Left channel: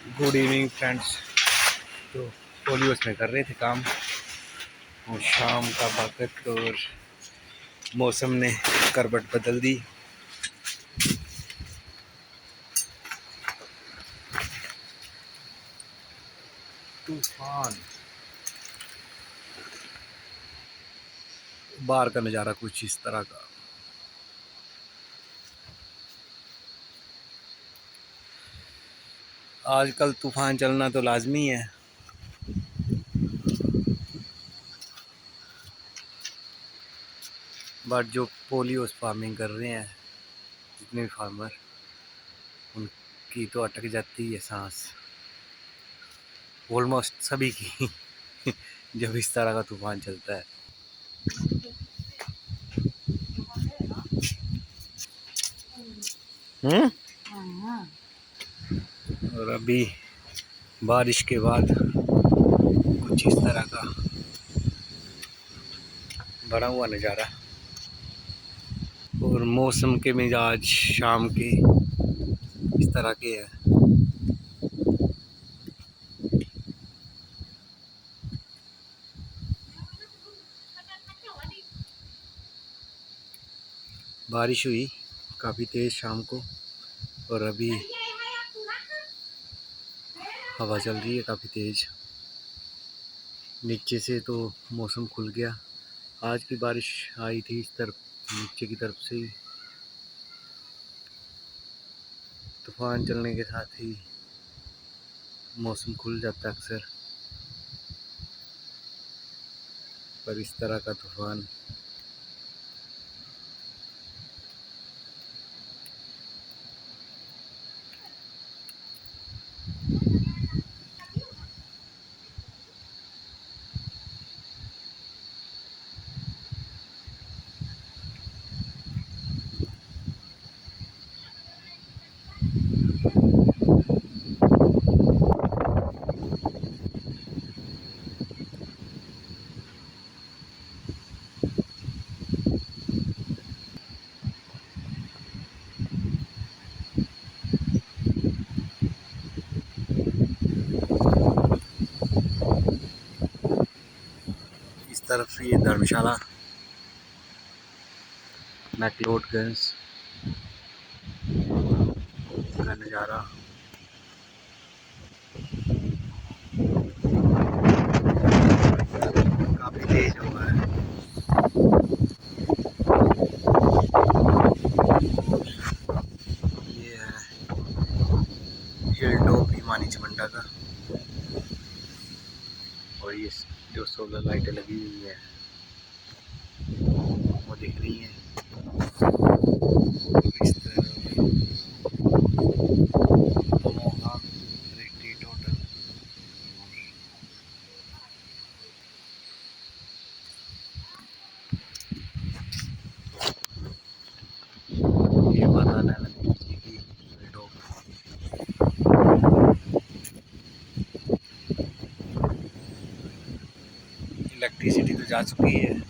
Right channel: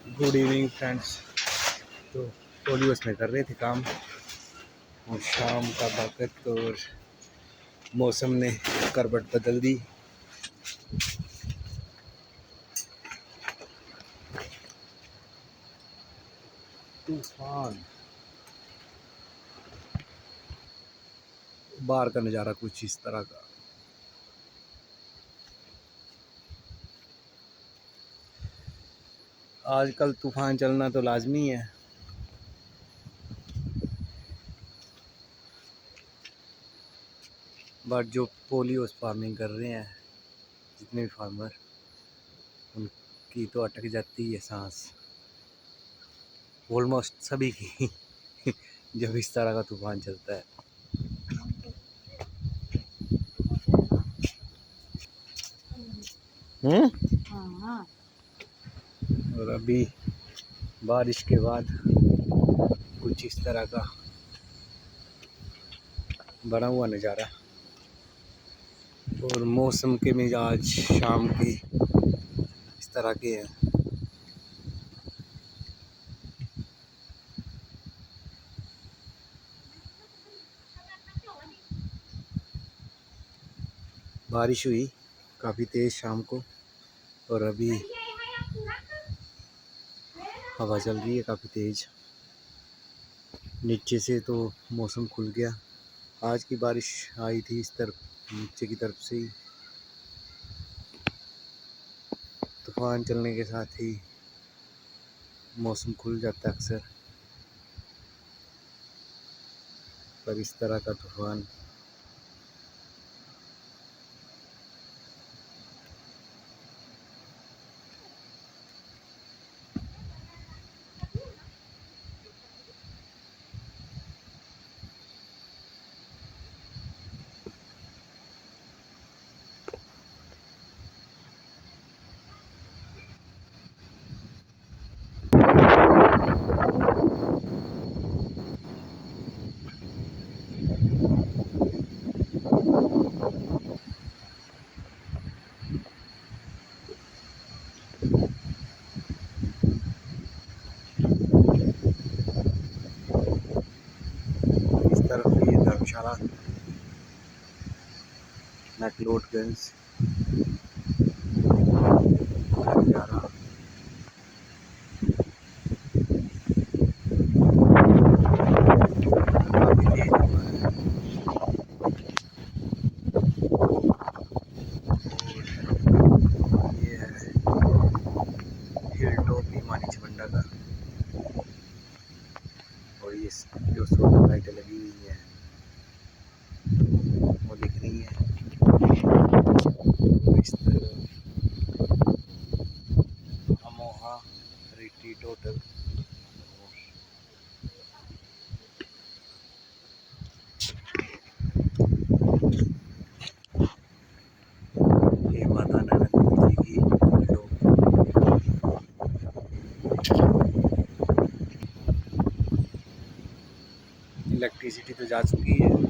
Good evening friends. तो पोलियोस में कर रहे थे काम और शाम का वक्त और मौसम ने करवट बदल दी। तूफान, बाहर का नज़ारा कुछ इस तरह का। आजकल तूफान चलना तो लाजमी है। बट जो पोलियोस फार्मिंग कर रहे हैं, जितने भी फार्मर, उनकी तो अटक जाती है सांस, ऑलमोस्ट सभी की जब इस तरह का तूफान चलता है। और अभी बारिश के बाद कुछ इस तरह का बना हुआ नज़ारा और मौसम के मिजाज शाम के इस तरह के हैं। बारिश हुई काफ़ी तेज़ शाम को और अभी हवा चल रही है काफ़ी तेज़। नीचे से तो मौसम खुल गया। आज की बारिश आई थी इस तरफ, नीचे की तरफ से ही। तूफान चलने के साथ ही मौसम खुल जाता है अक्सर, पर इस तरह का तूफान इस तरफ से। ये धर्मशाला, मैक्लोडगंज का नज़ारा। काफ़ी तेज हुआ है। ये है हिल टॉप हिमानी चमंडा का, और ये जो सोलर लाइटें लगी हुई हैं वो दिख रही हैं। इस तरफ अमोहा रिट्रीट होटल, ये माता नैना देवी जी की टॉप। इलेक्ट्रिसिटी तो जा चुकी है।